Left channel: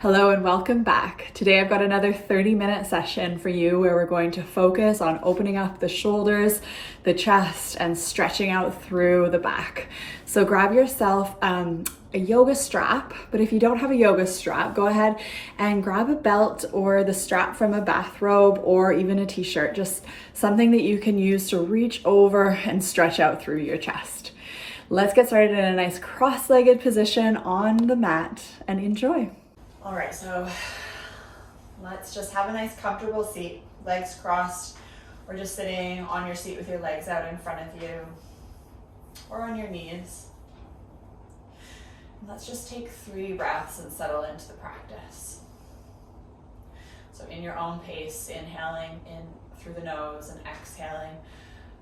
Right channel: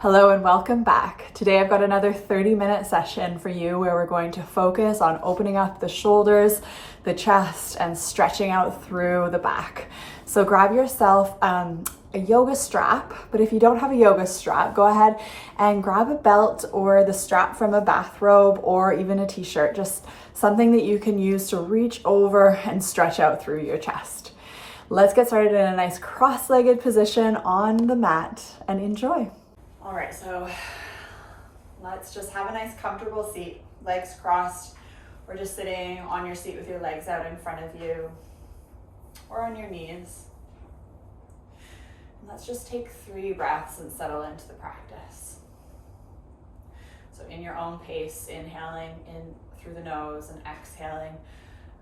Hello and welcome back. Today I've got another 30-minute session for you where we're going to focus on opening up the shoulders, the chest, and stretching out through the back. So grab yourself a yoga strap, but if you don't have a yoga strap, go ahead and grab a belt or the strap from a bathrobe or even a t-shirt, just something that you can use to reach over and stretch out through your chest. Let's get started in a nice cross-legged position on the mat and enjoy. All right, so let's just have a nice comfortable seat, legs crossed, or just sitting on your seat with your legs out in front of you or on your knees. And let's just take 3 breaths and settle into the practice. So in your own pace, inhaling in through the nose and exhaling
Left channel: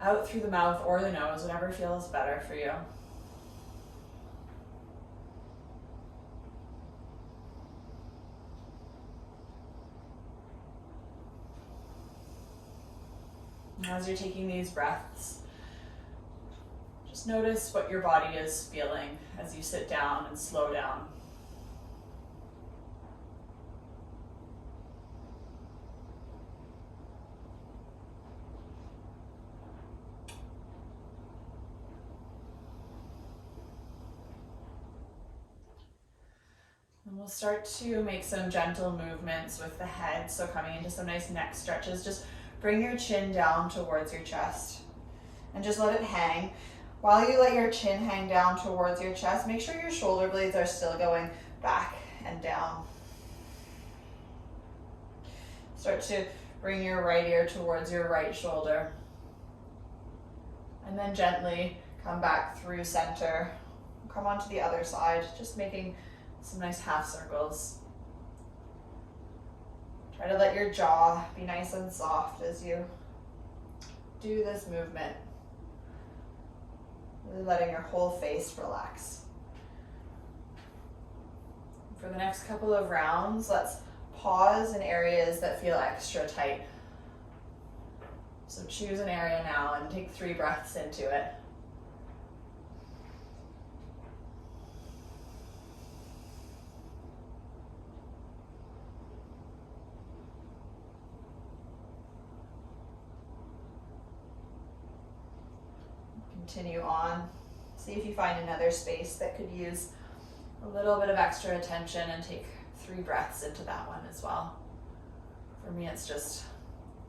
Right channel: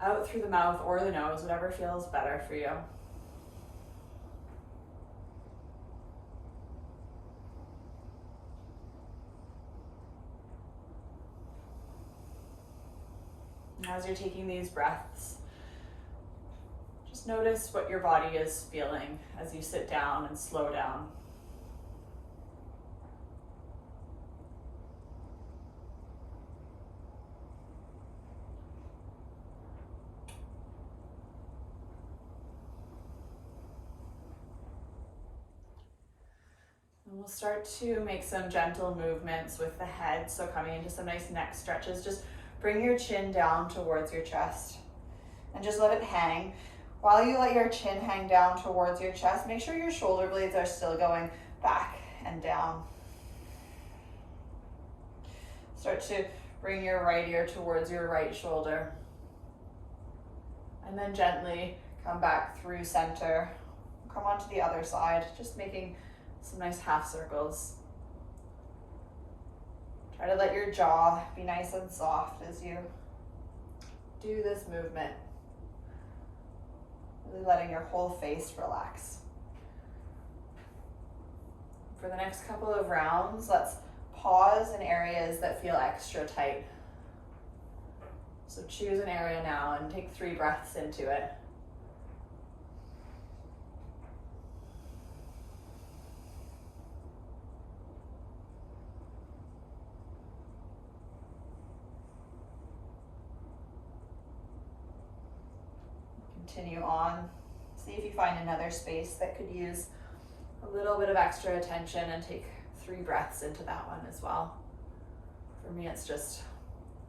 out through the mouth or the nose, whatever feels better for you. As you're taking these breaths, just notice what your body is feeling as you sit down and slow down. And we'll start to make some gentle movements with the head. So coming into some nice neck stretches, just bring your chin down towards your chest and just let it hang. While you let your chin hang down towards your chest, make sure your shoulder blades are still going back and down. Start to bring your right ear towards your right shoulder. And then gently come back through center. Come onto the other side, just making some nice half circles. Try to let your jaw be nice and soft as you do this movement. Really letting your whole face relax. For the next couple of rounds, let's pause in areas that feel extra tight. So choose an area now and take 3 breaths into it. Continue on. See if you find another space that could use a little bit of extra attention and take 3 breaths into that one as well. For me, it's just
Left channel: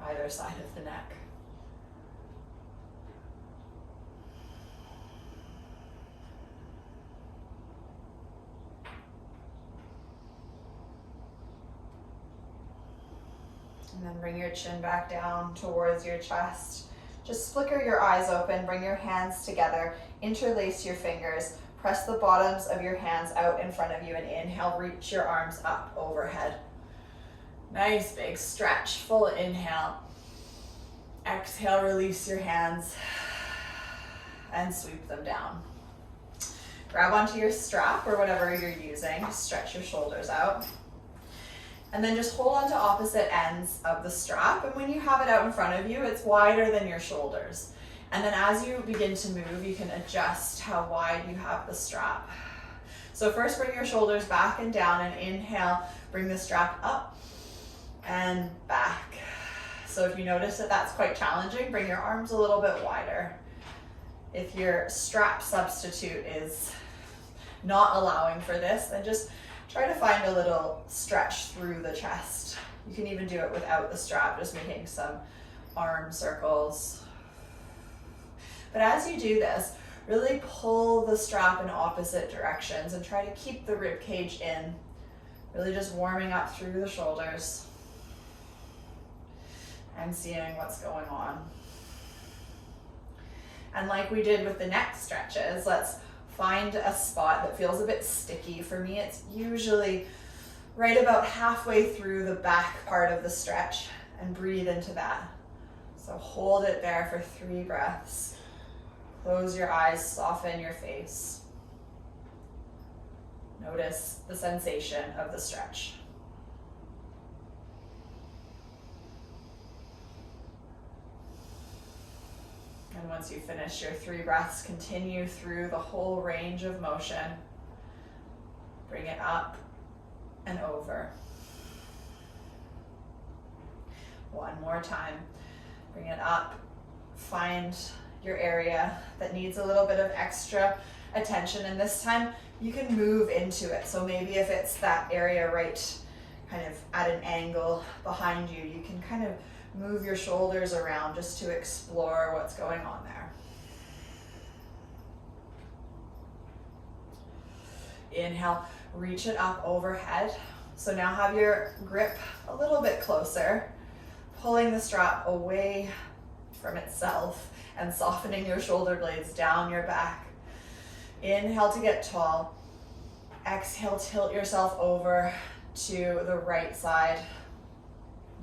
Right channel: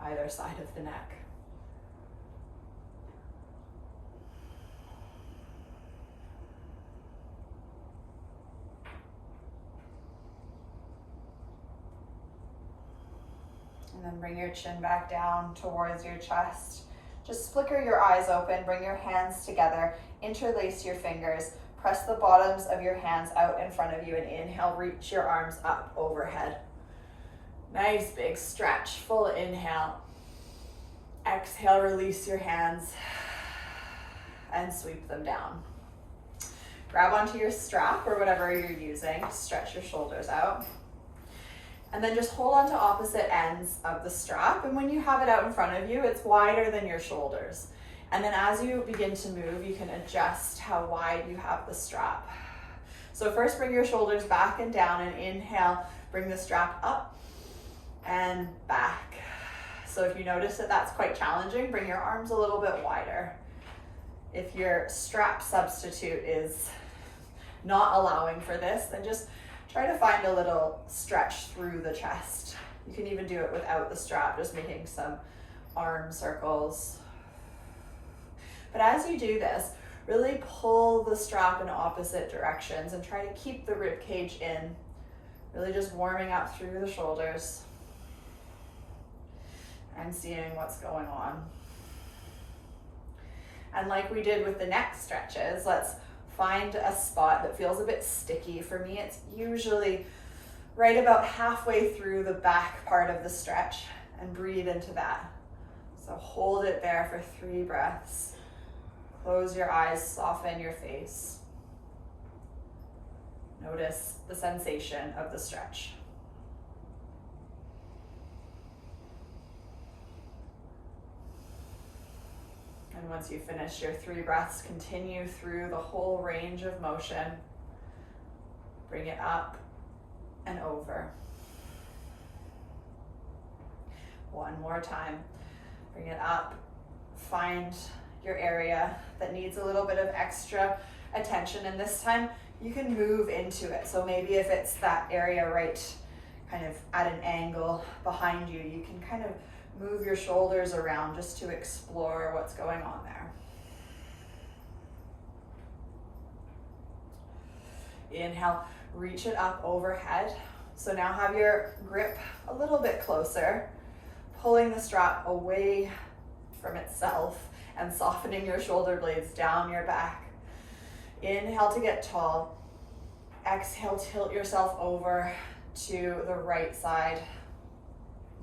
either side of the neck. And then bring your chin back down towards your chest. Just flicker your eyes open, bring your hands together, interlace your fingers, press the bottoms of your hands out in front of you and inhale, reach your arms up overhead. Nice big stretch, full inhale. Exhale, release your hands and sweep them down. Grab onto your strap or whatever you're using, stretch your shoulders out. And then just hold on to opposite ends of the strap. And when you have it out in front of you, it's wider than your shoulders. And then as you begin to move, you can adjust how wide you have the strap. So first bring your shoulders back and down and inhale, bring the strap up and back. So if you notice that that's quite challenging, bring your arms a little bit wider. If your strap substitute is not allowing for this, then just try to find a little stretch through the chest. You can even do it without the strap, just making some arm circles. But as you do this, really pull the strap in opposite directions and try to keep the rib cage in. Really just warming up through the shoulders and seeing what's going on. And like we did with the neck stretches, let's find a spot that feels a bit sticky. For me, it's usually right about halfway through the back part of the stretch, and breathe into that. So hold it there for 3 breaths. Close your eyes, soften your face. Notice the sensation of the stretch. And once you finish your 3 breaths, continue through the whole range of motion. Bring it up and and over. One more time. Bring it up. Find your area that needs a little bit of extra attention, and this time you can move into it. So maybe if it's that area right kind of at an angle behind you, you can kind of move your shoulders around just to explore what's going on there. Inhale, reach it up overhead. So now have your grip a little bit closer, pulling the strap away from itself and softening your shoulder blades down your back. Inhale to get tall. Exhale, tilt yourself over to the right side,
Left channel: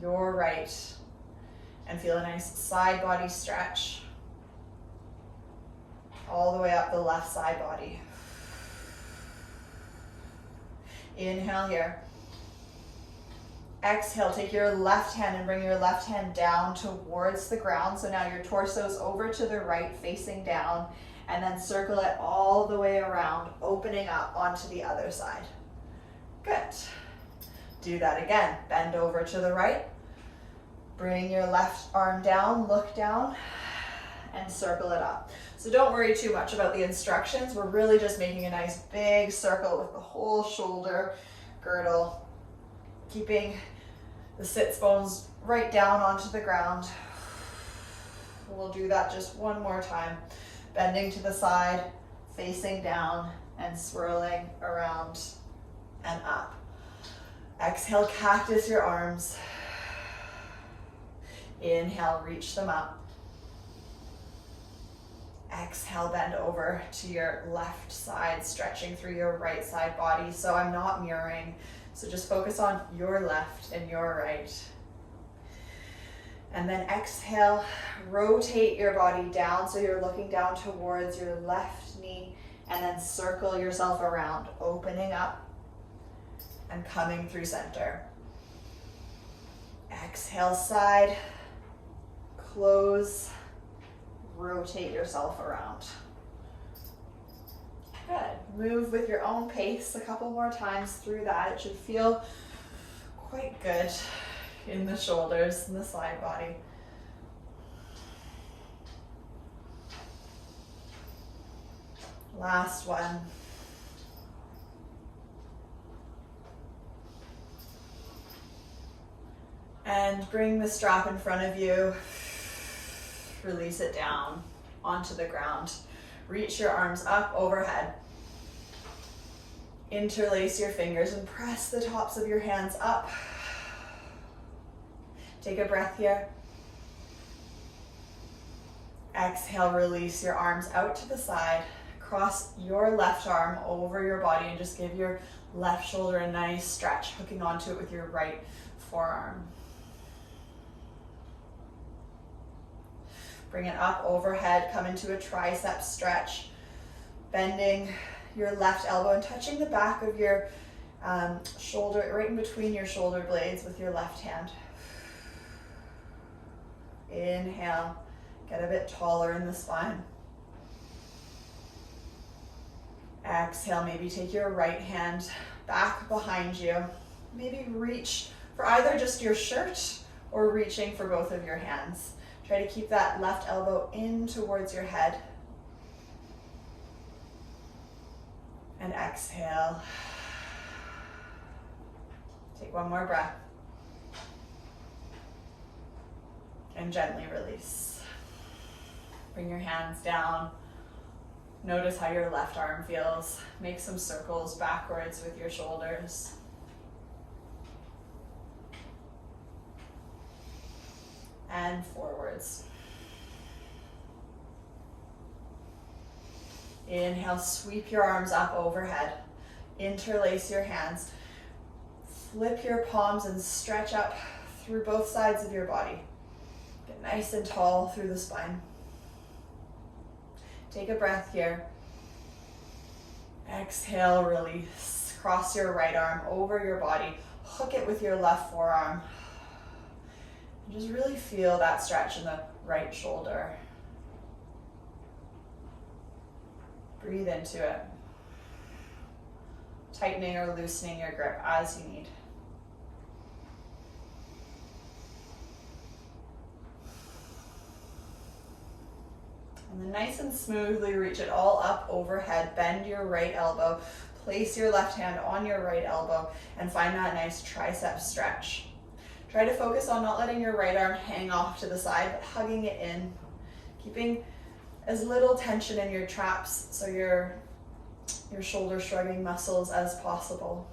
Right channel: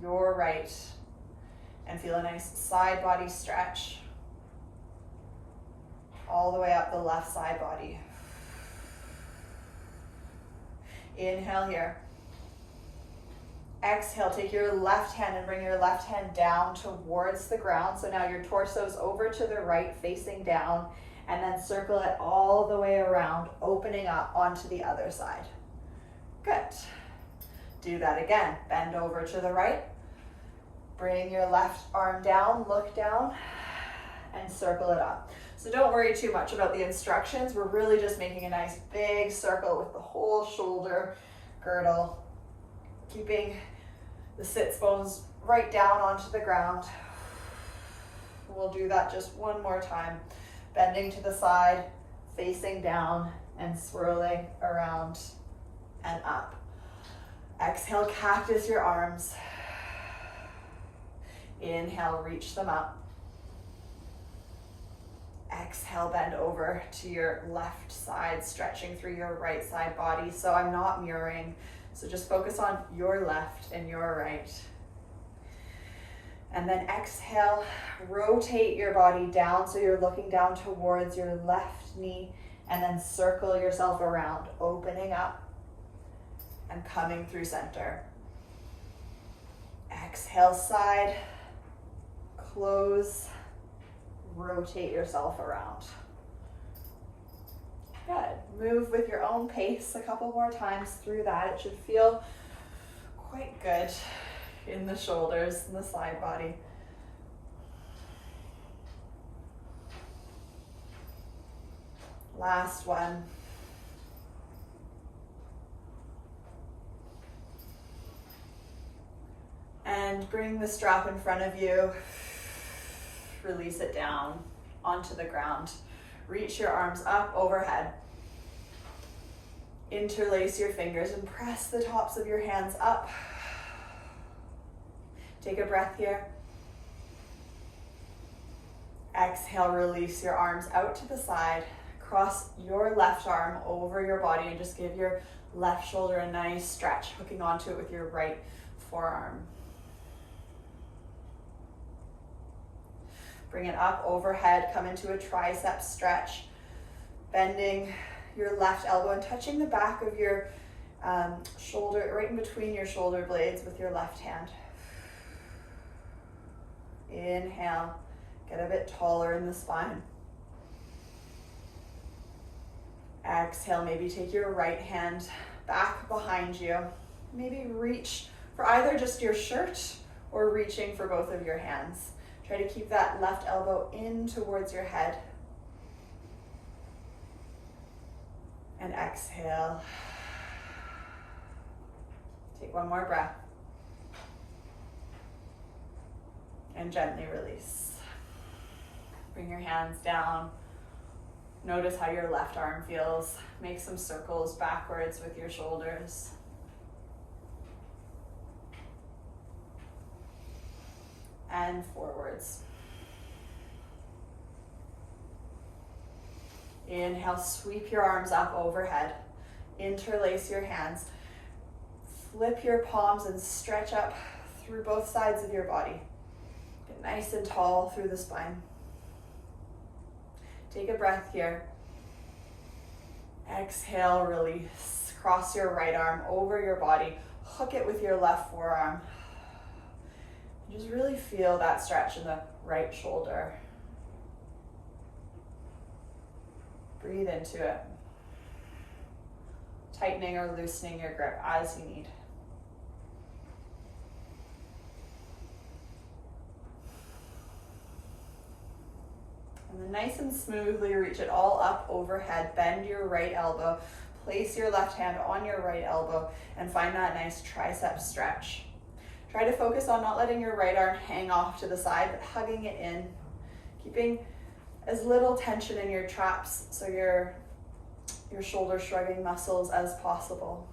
your right, and feel a nice side body stretch all the way up the left side body. Inhale here. Exhale, take your left hand and bring your left hand down towards the ground. So now your torso's over to the right, facing down, and then circle it all the way around, opening up onto the other side. Good. Do that again. Bend over to the right. Bring your left arm down, look down, and circle it up. So don't worry too much about the instructions. We're really just making a nice big circle with the whole shoulder girdle, keeping the sits bones right down onto the ground. We'll do that just one more time. Bending to the side, facing down, and swirling around and up. Exhale, cactus your arms. Inhale, reach them up. Exhale, bend over to your left side, stretching through your right side body. So I'm not mirroring, so just focus on your left and your right. And then exhale, rotate your body down so you're looking down towards your left knee, and then circle yourself around, opening up and coming through center. Exhale, side, close, rotate yourself around. Good. Move with your own pace a couple more times through that. It should feel quite good in the shoulders and the side body. Last one. And bring the strap in front of you. Release it down onto the ground. Reach your arms up overhead. Interlace your fingers and press the tops of your hands up. Take a breath here. Exhale, release your arms out to the side. Cross your left arm over your body and just give your left shoulder a nice stretch, hooking onto it with your right forearm. Bring it up overhead, come into a tricep stretch, bending your left elbow and touching the back of your shoulder, right in between your shoulder blades with your left hand. Inhale, get a bit taller in the spine. Exhale, maybe take your right hand back behind you. Maybe reach for either just your shirt or reaching for both of your hands. Try to keep that left elbow in towards your head. And exhale. Take one more breath. And gently release. Bring your hands down. Notice how your left arm feels. Make some circles backwards with your shoulders. And forwards. Inhale, sweep your arms up overhead. Interlace your hands. Flip your palms and stretch up through both sides of your body. Get nice and tall through the spine. Take a breath here. Exhale, release. Cross your right arm over your body. Hook it with your left forearm. Just really feel that stretch in the right shoulder. Breathe into it. tightening or loosening your grip as you need. And then nice and smoothly reach it all up overhead. Bend your right elbow. Place your left hand on your right elbow and find that nice tricep stretch. Try to focus on not letting your right arm hang off to the side, but hugging it in. Keeping as little tension in your traps, so your shoulder shrugging muscles as possible.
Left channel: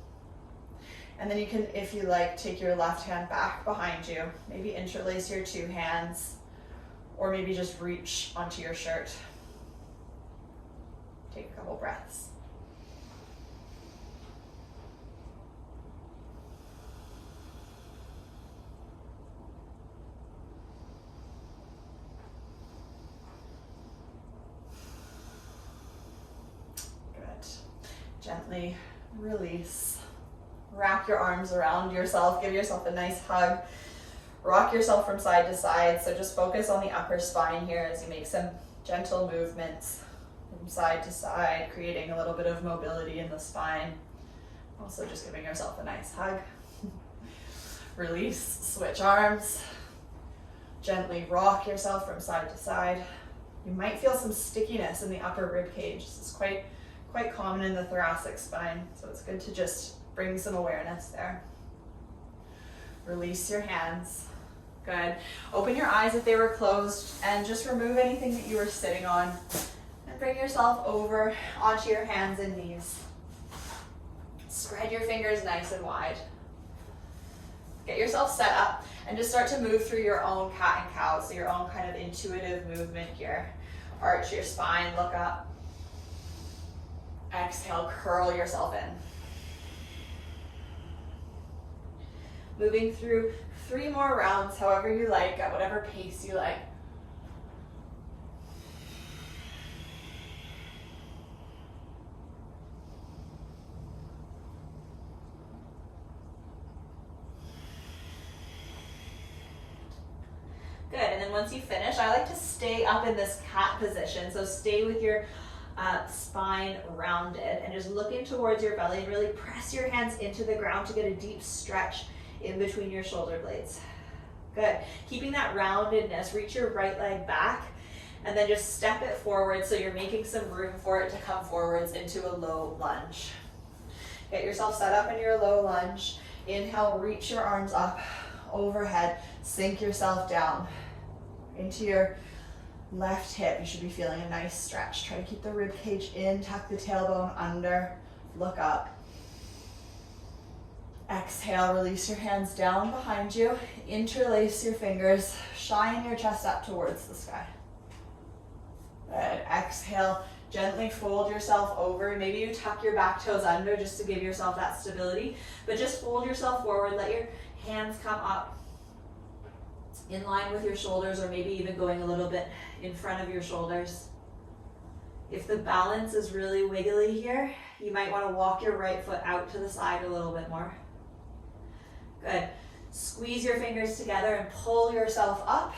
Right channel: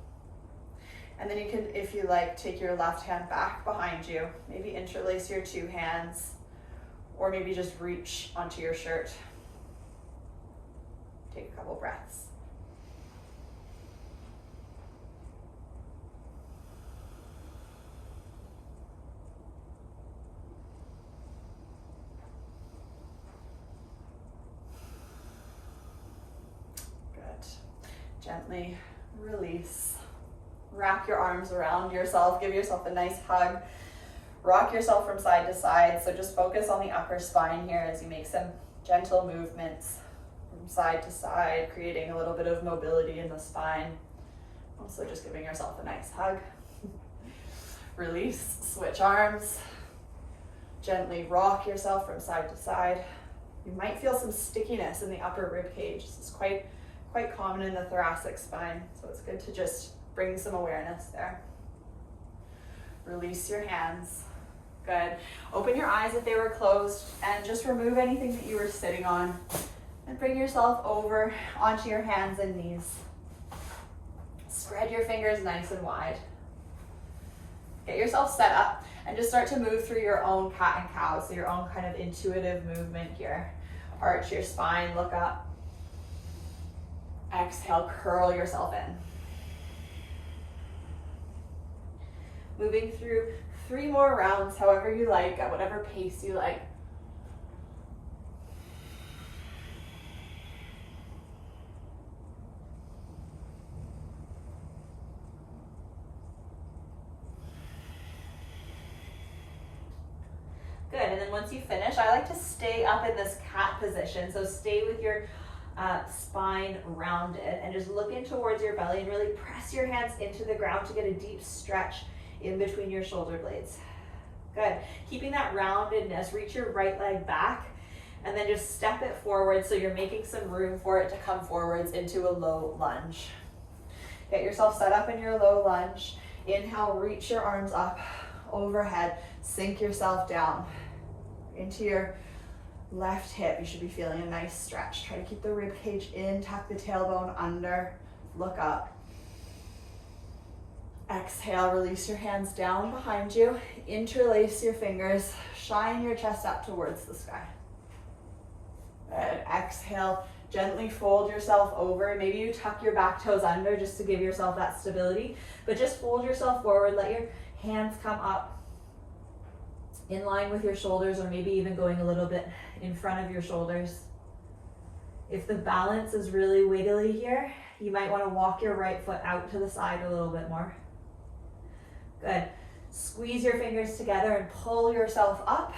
And then you can, if you like, take your left hand back behind you. Maybe interlace your two hands, or maybe just reach onto your shirt. Take a couple breaths. Gently release. Wrap your arms around yourself. Give yourself a nice hug. Rock yourself from side to side. So just focus on the upper spine here as you make some gentle movements from side to side, creating a little bit of mobility in the spine. Also just giving yourself a nice hug. Release, switch arms. Gently rock yourself from side to side. You might feel some stickiness in the upper rib cage. This is quite common in the thoracic spine, so it's good to just bring some awareness there. Release your hands. Good. Open your eyes if they were closed and just remove anything that you were sitting on and bring yourself over onto your hands and knees. Spread your fingers nice and wide. Get yourself set up and just start to move through your own cat and cow, so your own kind of intuitive movement here. Arch your spine, look up. Exhale, curl yourself in. Moving through 3 more rounds, however you like, at whatever pace you like. Good, and then once you finish, I like to stay up in this cat position. So stay with your spine rounded and just look in towards your belly and really press your hands into the ground to get a deep stretch in between your shoulder blades. Good. Keeping that roundedness, reach your right leg back and then just step it forward so you're making some room for it to come forwards into a low lunge. Get yourself set up in your low lunge. Inhale, reach your arms up overhead, sink yourself down into your left hip. You should be feeling a nice stretch. Try to keep the rib cage in, tuck the tailbone under, look up. Exhale, release your hands down behind you, interlace your fingers, shine your chest up towards the sky. Good. Exhale, gently fold yourself over. Maybe you tuck your back toes under just to give yourself that stability, but just fold yourself forward, let your hands come up in line with your shoulders, or maybe even going a little bit in front of your shoulders. If the balance is really wiggly here, you might want to walk your right foot out to the side a little bit more. Good. Squeeze your fingers together and pull yourself up.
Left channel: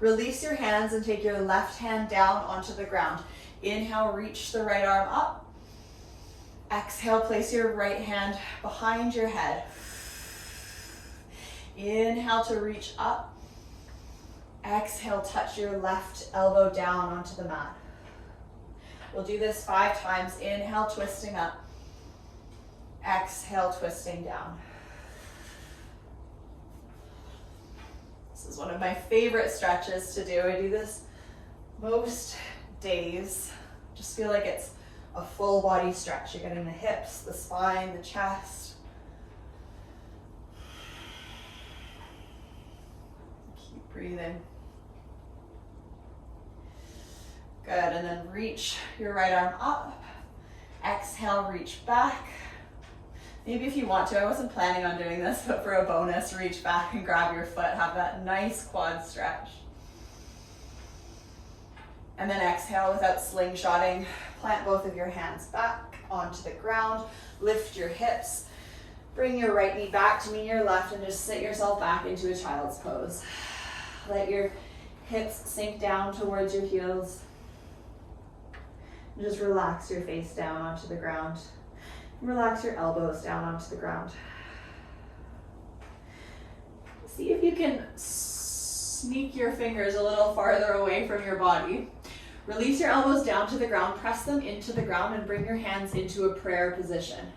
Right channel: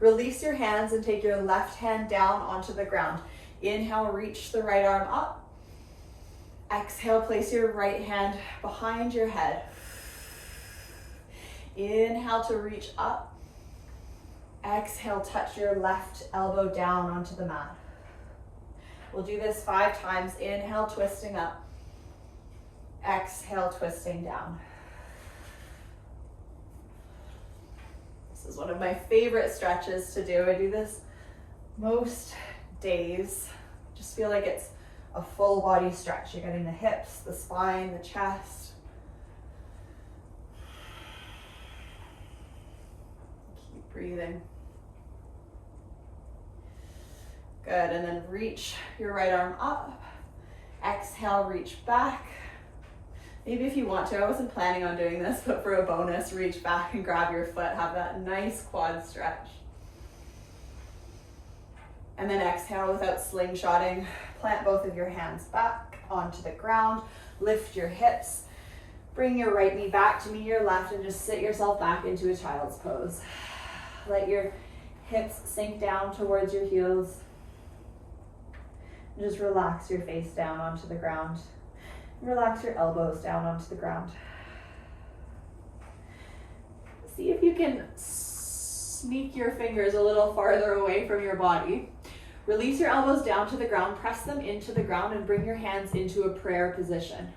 Release your hands and take your left hand down onto the ground. Inhale, reach the right arm up. Exhale, place your right hand behind your head. Inhale to reach up. Exhale, touch your left elbow down onto the mat. We'll do this 5 times. Inhale, twisting up. Exhale, twisting down. This is one of my favorite stretches to do. I do this most days. Just feel like it's a full body stretch. You're getting the hips, the spine, the chest. Keep breathing. Good, and then reach your right arm up. Exhale, reach back. Maybe if you want to, I wasn't planning on doing this, but for a bonus, reach back and grab your foot. Have that nice quad stretch. And then exhale without slingshotting. Plant both of your hands back onto the ground. Lift your hips. Bring your right knee back to meet your left and just sit yourself back into a child's pose. Let your hips sink down towards your heels. And just relax your face down onto the ground. Relax your elbows down onto the ground. See if you can sneak your fingers a little farther away from your body. Release your elbows down to the ground, press them into the ground, and bring your hands into a prayer position.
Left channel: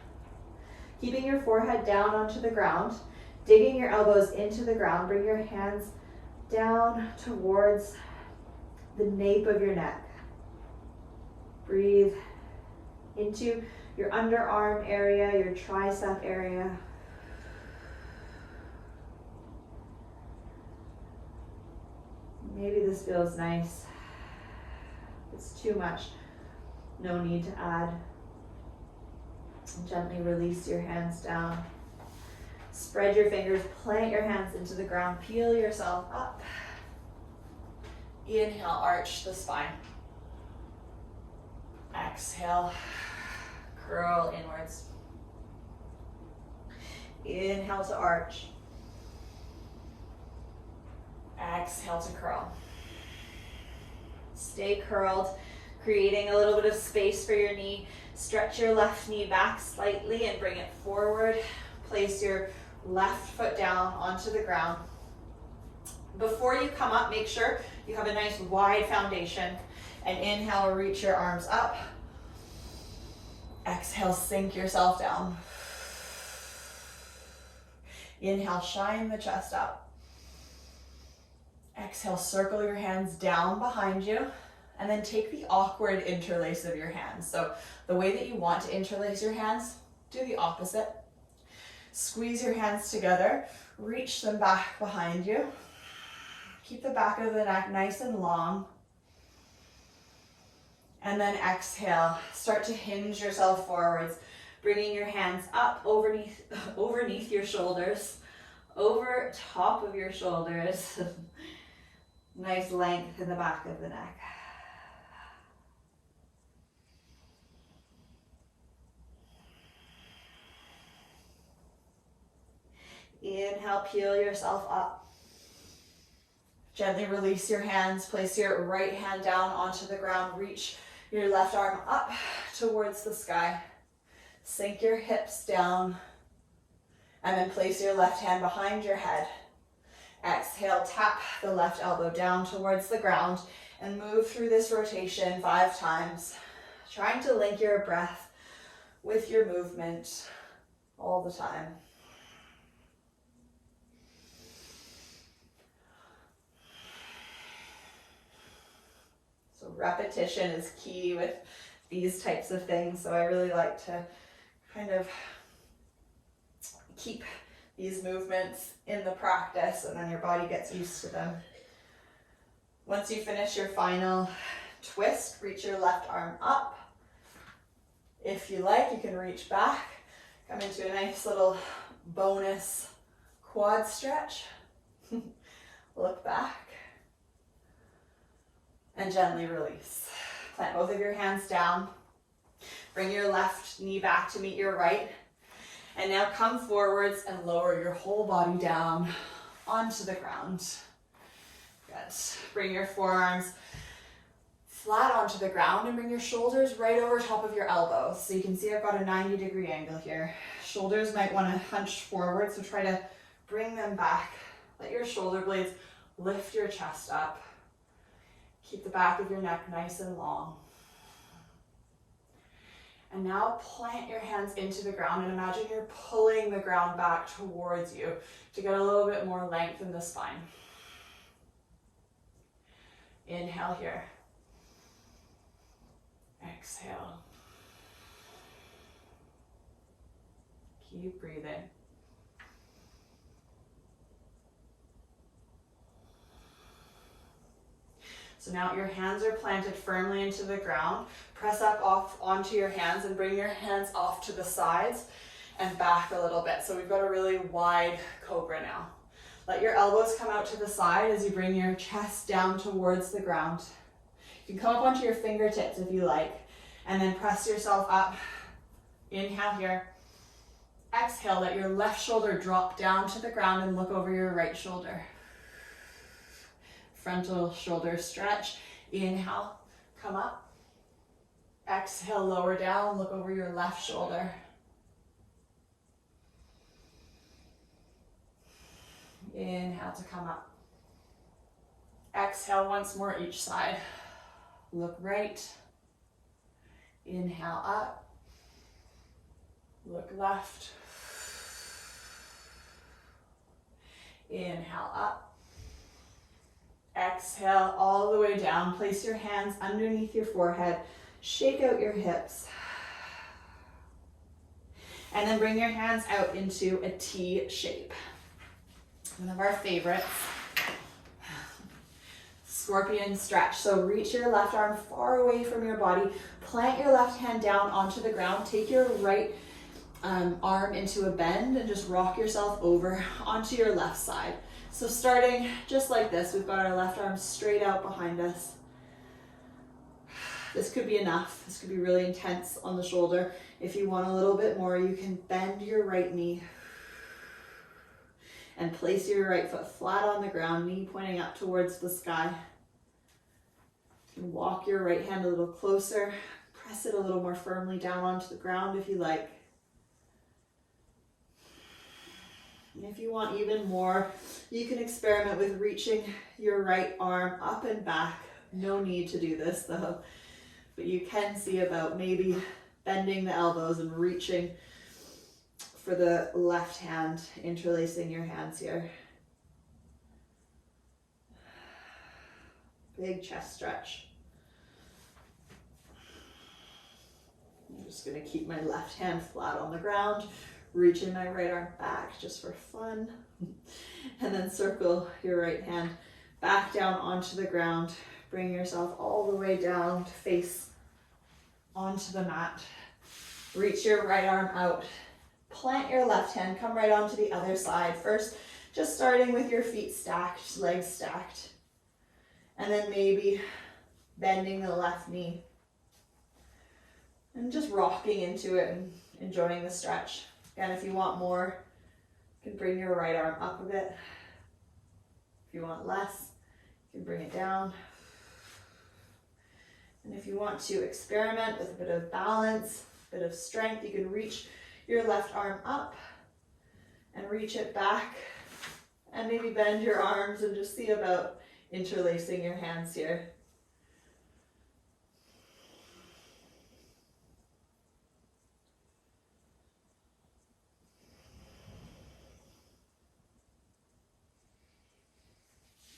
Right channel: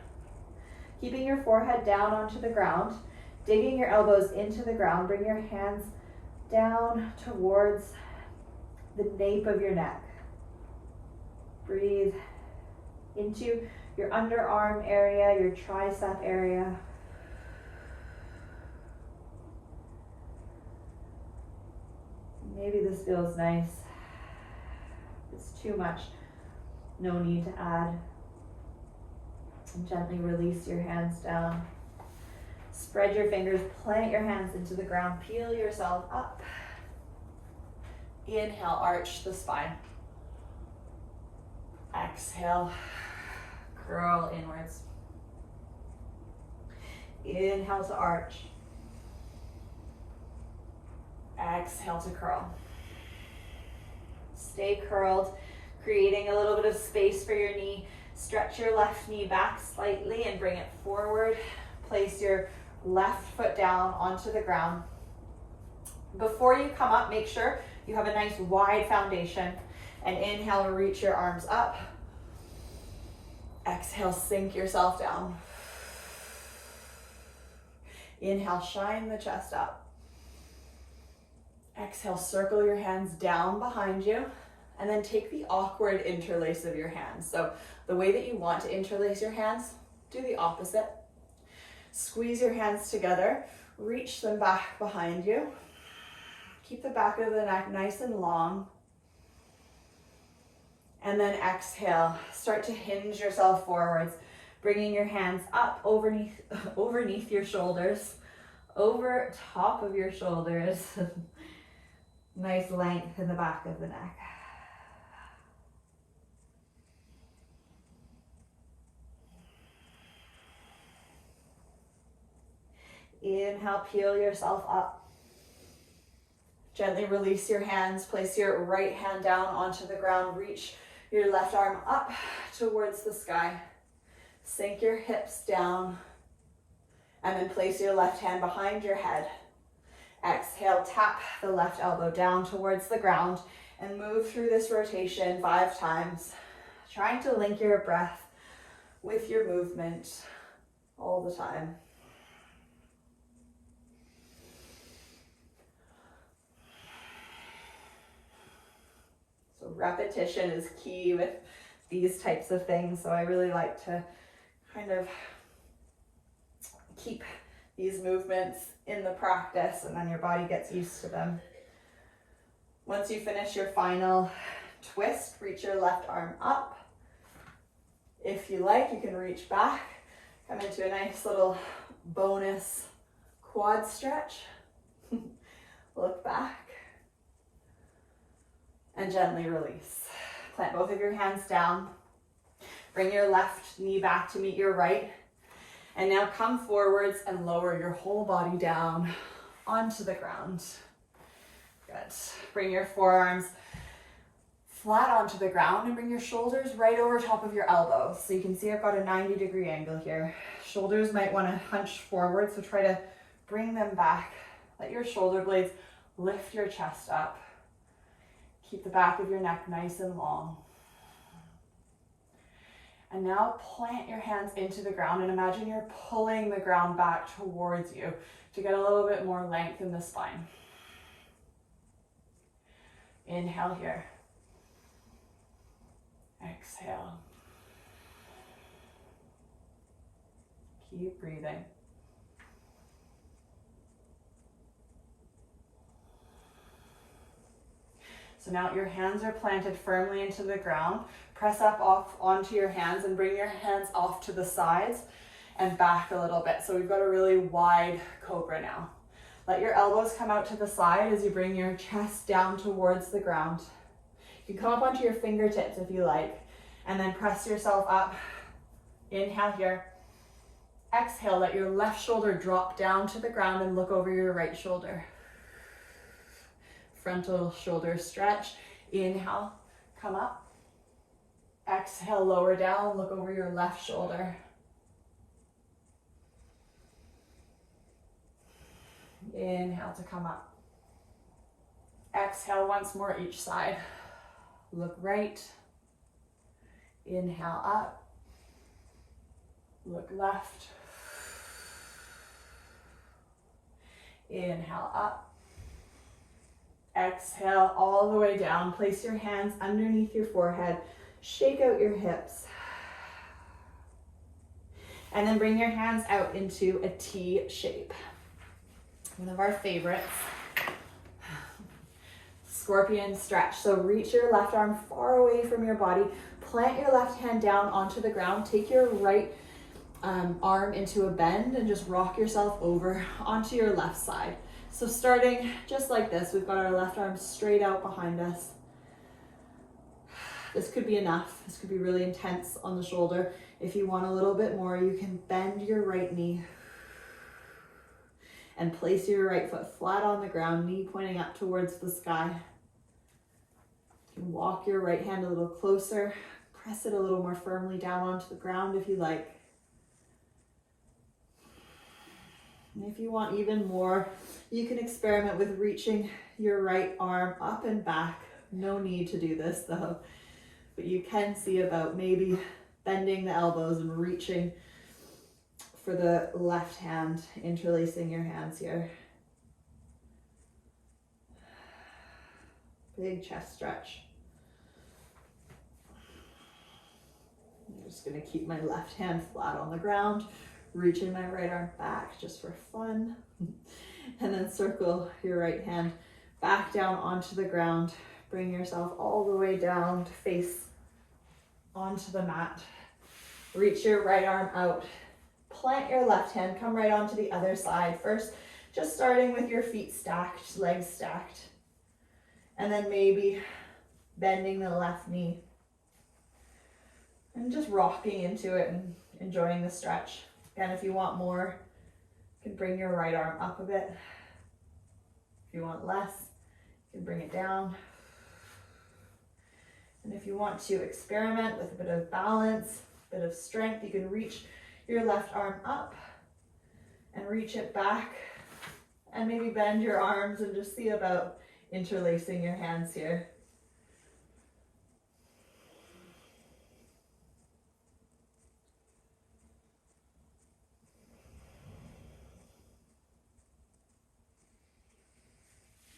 Keeping your forehead down onto the ground, digging your elbows into the ground, bring your hands down towards the nape of your neck. Breathe into your underarm area, your tricep area. Maybe this feels nice. If it's too much, no need to add. And gently release your hands down. Spread your fingers, plant your hands into the ground, peel yourself up. Inhale, arch the spine. Exhale, curl inwards. Inhale to arch. Exhale to curl. Stay curled, creating a little bit of space for your knee. Stretch your left knee back slightly and bring it forward. Place your left foot down onto the ground. Before you come up, make sure you have a nice wide foundation. And inhale, reach your arms up. Exhale, sink yourself down. Inhale, shine the chest up. Exhale, circle your hands down behind you, and then take the awkward interlace of your hands. So the way that you want to interlace your hands, do the opposite. Squeeze your hands together, reach them back behind you. Keep the back of the neck nice and long. And then exhale, start to hinge yourself forwards, bringing your hands up overneath your shoulders, over top of your shoulders. Nice length in the back of the neck. Inhale, peel yourself up. Gently release your hands. Place your right hand down onto the ground. Reach your left arm up towards the sky. Sink your hips down. And then place your left hand behind your head. Exhale, tap the left elbow down towards the ground and move through this rotation 5 times, trying to link your breath with your movement all the time. So repetition is key with these types of things, so I really like to kind of keep these movements in the practice, and then your body gets used to them. Once you finish your final twist, reach your left arm up. If you like, you can reach back, come into a nice little bonus quad stretch. Look back and gently release. Plant both of your hands down. Bring your left knee back to meet your right. And now come forwards and lower your whole body down onto the ground. Good. Bring your forearms flat onto the ground and bring your shoulders right over top of your elbows. So you can see I've got a 90-degree angle here. Shoulders might want to hunch forward, so try to bring them back. Let your shoulder blades lift your chest up. Keep the back of your neck nice and long. And now plant your hands into the ground and imagine you're pulling the ground back towards you to get a little bit more length in the spine. Inhale here. Exhale. Keep breathing. So now your hands are planted firmly into the ground. Press up off onto your hands and bring your hands off to the sides and back a little bit. So we've got a really wide cobra now. Let your elbows come out to the side as you bring your chest down towards the ground. You can come up onto your fingertips if you like, and then press yourself up. Inhale here. Exhale, let your left shoulder drop down to the ground and look over your right shoulder. Frontal shoulder stretch. Inhale, come up. Exhale, lower down, look over your left shoulder. Inhale to come up. Exhale once more each side. Look right. Inhale up. Look left. Inhale up. Exhale all the way down. Place your hands underneath your forehead. Shake out your hips. And then bring your hands out into a T shape. One of our favorites. Scorpion stretch. So reach your left arm far away from your body. Plant your left hand down onto the ground. Take your right arm into a bend and just rock yourself over onto your left side. So starting just like this, we've got our left arm straight out behind us. This could be enough. This could be really intense on the shoulder. If you want a little bit more, you can bend your right knee and place your right foot flat on the ground, knee pointing up towards the sky. You can walk your right hand a little closer, press it a little more firmly down onto the ground if you like. And if you want even more, you can experiment with reaching your right arm up and back. No need to do this though, but you can see about maybe bending the elbows and reaching for the left hand, interlacing your hands here. Big chest stretch. I'm just gonna keep my left hand flat on the ground, reaching my right arm back just for fun. And then circle your right hand back down onto the ground. Bring yourself all the way down, face onto the mat. Reach your right arm out. Plant your left hand, come right onto the other side. First, just starting with your feet stacked, legs stacked. And then maybe bending the left knee. And just rocking into it and enjoying the stretch. Again, if you want more, you can bring your right arm up a bit. If you want less, you can bring it down. And if you want to experiment with a bit of balance, a bit of strength, you can reach your left arm up and reach it back, and maybe bend your arms and just see about interlacing your hands here.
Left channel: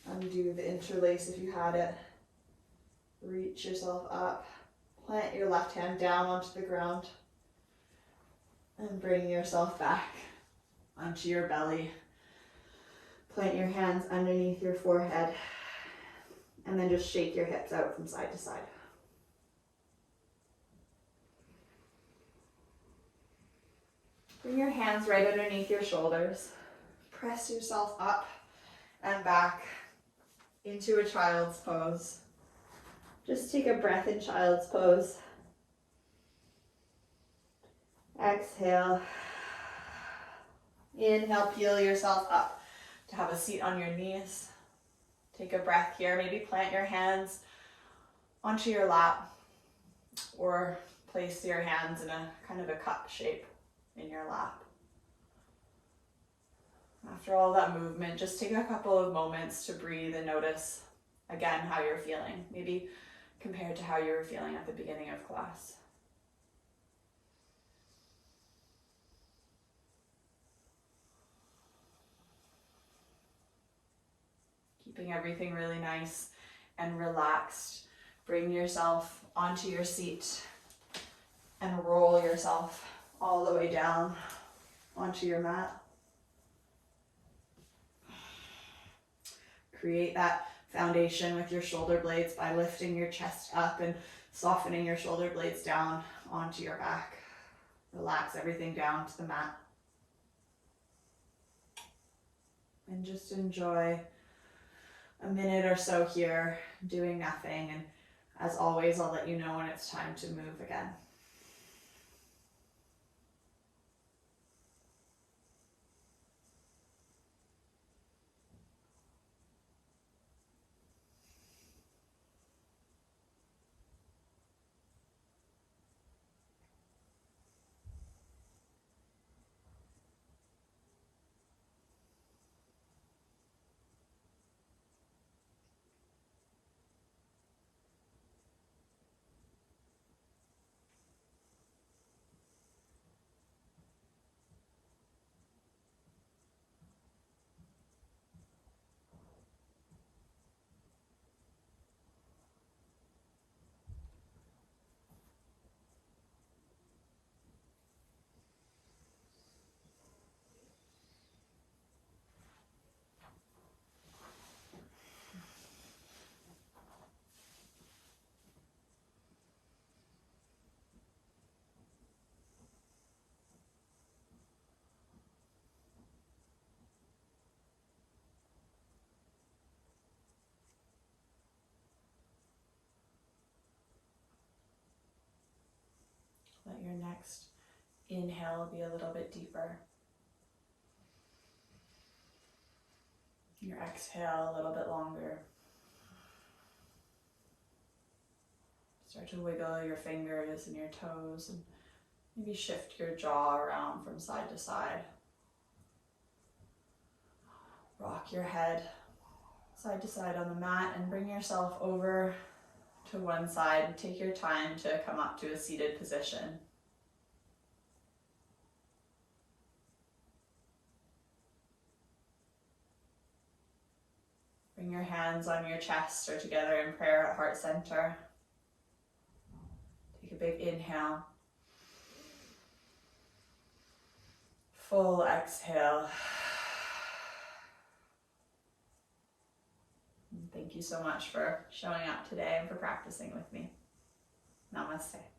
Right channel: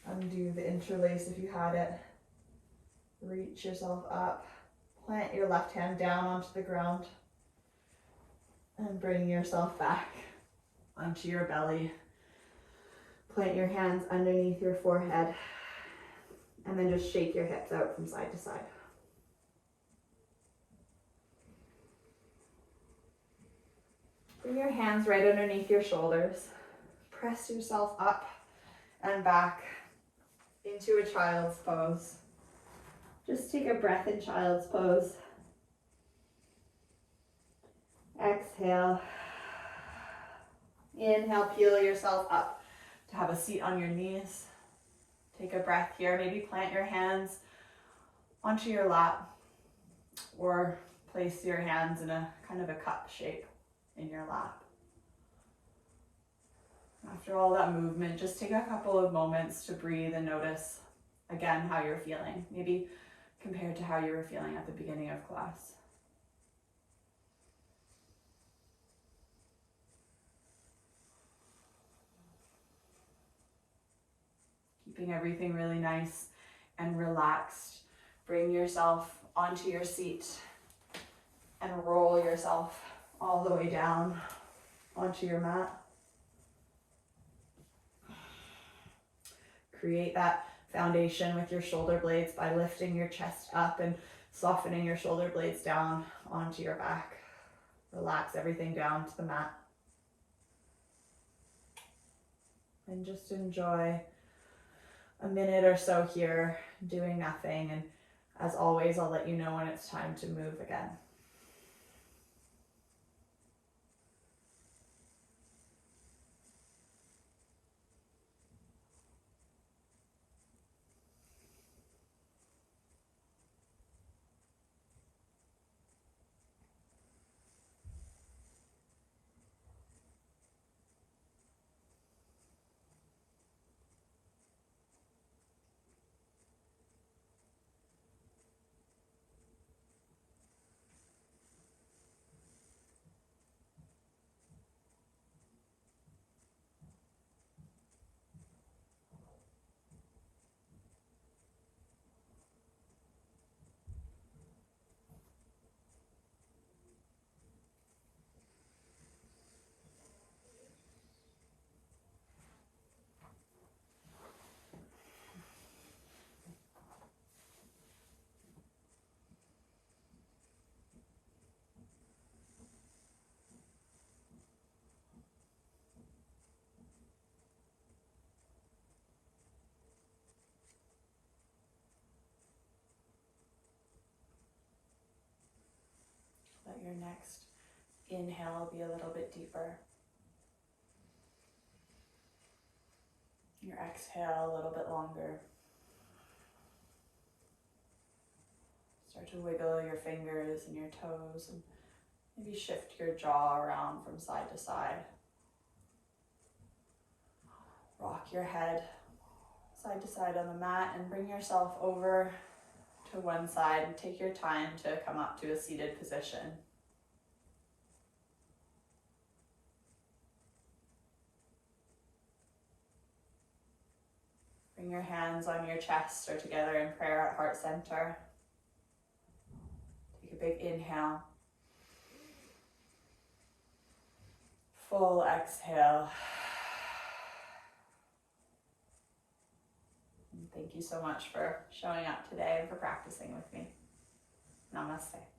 Undo the interlace if you had it. Reach yourself up. Plant your left hand down onto the ground. And bring yourself back onto your belly. Plant your hands underneath your forehead. And then just shake your hips out from side to side. Bring your hands right underneath your shoulders. Press yourself up and back into a child's pose. Just take a breath in child's pose. Exhale. Inhale, peel yourself up to have a seat on your knees. Take a breath here. Maybe plant your hands onto your lap or place your hands in a kind of a cup shape in your lap. After all that movement, just take a couple of moments to breathe and notice again how you're feeling, maybe compared to how you were feeling at the beginning of class. Keeping everything really nice and relaxed. Bring yourself onto your seat and roll yourself all the way down onto your mat. Create that foundation with your shoulder blades by lifting your chest up and softening your shoulder blades down onto your back. Relax everything down to the mat. And just enjoy a minute or so here doing nothing. And as always, I'll let you know when it's time to move again. Your next inhale will be a little bit deeper. Your exhale a little bit longer. Start to wiggle your fingers and your toes and maybe shift your jaw around from side to side. Rock your head side to side on the mat and bring yourself over to one side and take your time to come up to a seated position. Bring your hands on your chest or together in prayer at heart center. Take a big inhale. Full exhale. And thank you so much for showing up today and for practicing with me. Namaste.